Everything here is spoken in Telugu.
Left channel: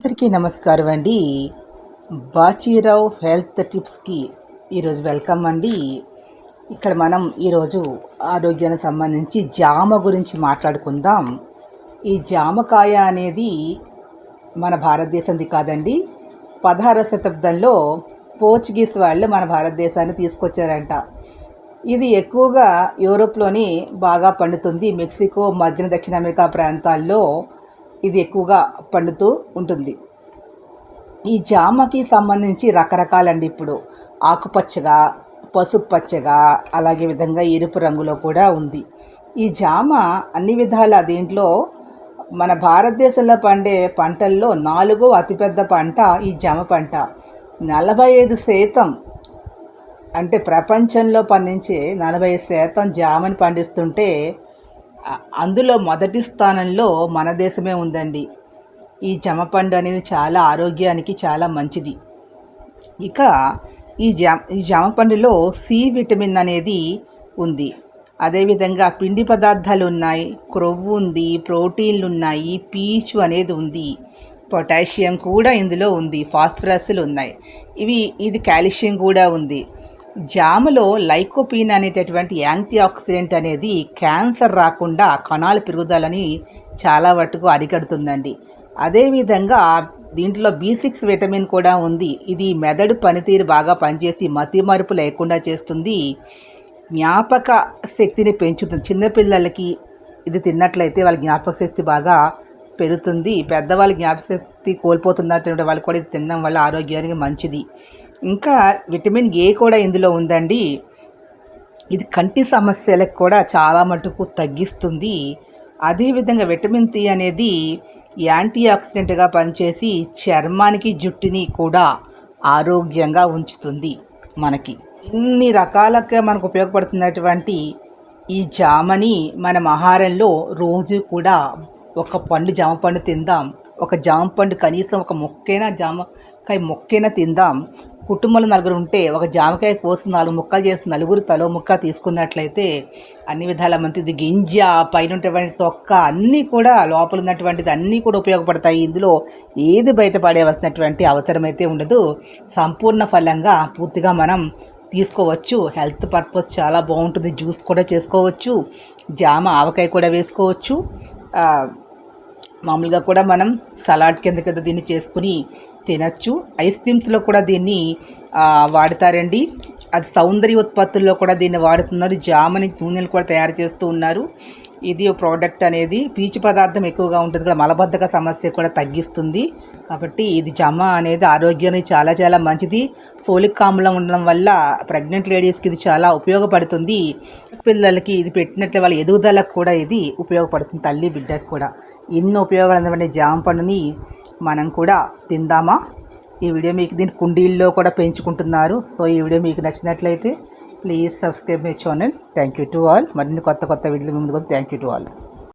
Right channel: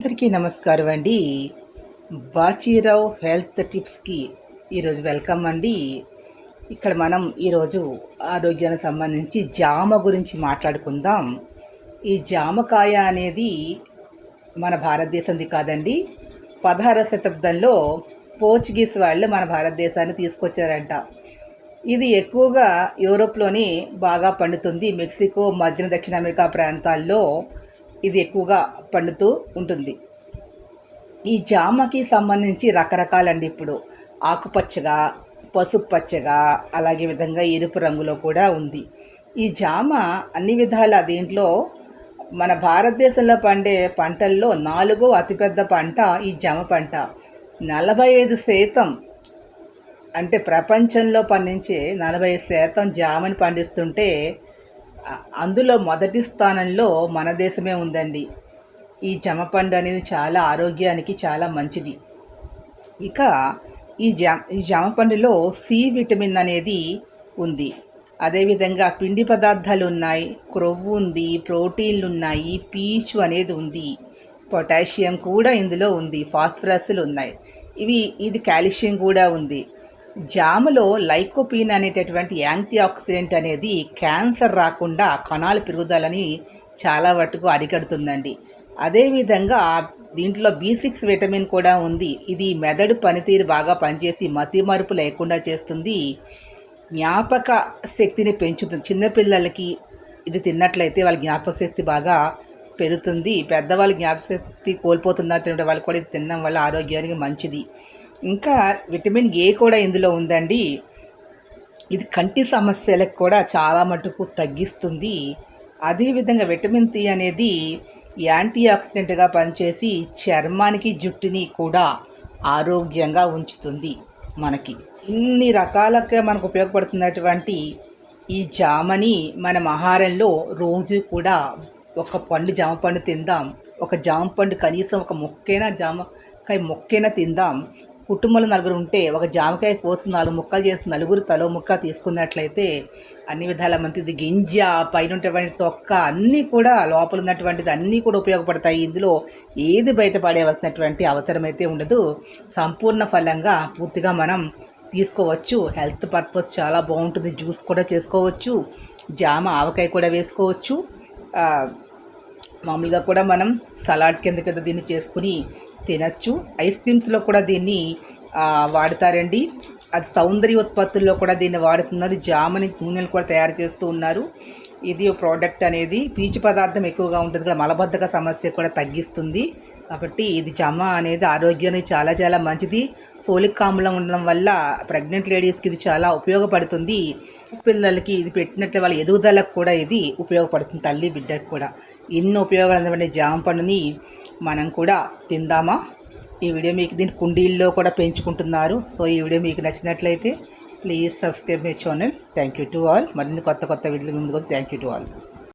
అందరికీ నమస్కారం అండి. బాచీరావు హెల్త్ టిప్స్కి ఈరోజు వెల్కమ్ అండి. ఇక్కడ మనం ఈరోజు ఆరోగ్యానికి సంబంధించి జామ గురించి మాట్లాడుకుందాం. ఈ జామకాయ అనేది మన భారతదేశంది కాదండి. 16వ శతాబ్దంలో పోర్చుగీస్ వాళ్ళు మన భారతదేశాన్ని తీసుకొచ్చారంట. ఇది ఎక్కువగా యూరోప్లోని బాగా పండుతుంది. మెక్సికో, మధ్య దక్షిణ అమెరికా ప్రాంతాల్లో ఇది ఎక్కువగా పండుతూ ఉంటుంది. ఈ జామకి సంబంధించి రకరకాలండి. ఇప్పుడు ఆకుపచ్చగా, పసుపు పచ్చగా, అలాగే విధంగా ఎరుపు రంగులో కూడా ఉంది. ఈ జామ అన్ని విధాల దీంట్లో మన భారతదేశంలో పండే పంటల్లో 4వ అతిపెద్ద పంట ఈ జామ పంట. 45% అంటే ప్రపంచంలో పండించే 40% జామని పండిస్తుంటే అందులో మొదటి స్థానంలో మన దేశమే ఉందండి. ఈ జామపండు అనేది చాలా ఆరోగ్యానికి చాలా మంచిది. ఇక ఈ జామపండులో సి విటమిన్ అనేది ఉంది. అదేవిధంగా పిండి పదార్థాలు ఉన్నాయి, క్రొవ్వు ఉంది, ప్రోటీన్లు ఉన్నాయి, పీచు అనేది ఉంది, పొటాషియం కూడా ఇందులో ఉంది, ఫాస్ఫరస్లు ఉన్నాయి. ఇది కాల్షియం కూడా ఉంది. జామలో లైకోపీన్ అనేటటువంటి యాంటీ ఆక్సిడెంట్ అనేది క్యాన్సర్ రాకుండా కణాల పెరుగుదలని చాలా మటుకు అరికడుతుందండి. అదేవిధంగా దీంట్లో B6 విటమిన్ కూడా ఉంది. ఇది మెదడు పనితీరు బాగా పనిచేసి మతిమరుపు లేకుండా చేస్తుంది, జ్ఞాపక శక్తిని పెంచుతుంది. చిన్నపిల్లలకి ఇది తిన్నట్లయితే వాళ్ళ జ్ఞాపక శక్తి బాగా పెరుగుతుంది. పెద్దవాళ్ళ జ్ఞాపక శక్తి కోల్పోతున్నటువంటి వాళ్ళు కూడా ఇది తినడం వల్ల ఆరోగ్యానికి మంచిది. ఇంకా విటమిన్ ఏ కూడా ఇందులో ఉందండి. ఇది కంటి సమస్యలకు కూడా చాలా మటుకు తగ్గిస్తుంది. అదేవిధంగా విటమిన్ సి అనేది యాంటీ ఆక్సిడెంట్గా పనిచేసి చర్మానికి, జుట్టుని కూడా ఆరోగ్యంగా ఉంచుతుంది. మనకి ఇన్ని రకాలుగా మనకు ఉపయోగపడుతున్నటువంటి ఈ జామని మనం ఆహారంలో రోజు కూడా ఒక జామ పండు తిందాం. ఒక జామ పండు కనీసం ఒక జామకాయ మొక్కైనా తిందాం. కుటుంబంలో 4 ఉంటే ఒక జామకాయ కోసి 4 ముక్కలు చేసి నలుగురు తలో ముక్క తీసుకున్నట్లయితే అన్ని విధాల మంచిది. గింజ, పైన ఉన్నటువంటి తొక్క అన్నీ కూడా, లోపల ఉన్నటువంటిది అన్నీ కూడా ఉపయోగపడతాయి. ఇందులో ఏది బయటపడేవలసినటువంటి అవసరం అయితే ఉండదు. సంపూర్ణ ఫలంగా పూర్తిగా మనం తీసుకోవచ్చు. హెల్త్ పర్పస్ చాలా బాగుంటుంది. జ్యూస్ కూడా చేసుకోవచ్చు. జామ ఆవకాయ కూడా వేసుకోవచ్చు. మామూలుగా కూడా మనం సలాడ్ కింద దీన్ని చేసుకుని తినచ్చు. ఐస్ క్రీమ్స్లో కూడా దీన్ని వాడతారండి. అది సౌందర్య ఉత్పత్తుల్లో కూడా దీన్ని వాడుతున్నారు. జామని నూనెలు కూడా తయారు చేస్తూ ఉన్నారు. ఇది ప్రోడక్ట్ అనేది పీచు పదార్థం ఎక్కువగా ఉంటుంది కూడా, మలబద్ధక సమస్య కూడా తగ్గిస్తుంది. కాబట్టి ఇది జామ అనేది ఆరోగ్యానికి చాలా చాలా మంచిది. ఫోలిక్ ఆమ్లం ఉండడం వల్ల ప్రెగ్నెంట్ లేడీస్కి ఇది చాలా ఉపయోగపడుతుంది. పిల్లలకి ఇది పెట్టినట్లే వాళ్ళ ఎదుగుదలకు కూడా ఇది ఉపయోగపడుతుంది. తల్లి బిడ్డకు కూడా ఎన్నో ఉపయోగాలు ఉన్నటువంటి జామ పండుని మనం కూడా తిందామా? ఈ వీడియో మీకు దీని కుండీల్లో కూడా పెంచుకుంటున్నారు. సో ఈ వీడియో మీకు నచ్చినట్లయితే please subscribe my channel. Thank you to all. మరిన్ని కొత్త వీడియోలు ముందుకు థ్యాంక్ యూ టు ఆల్.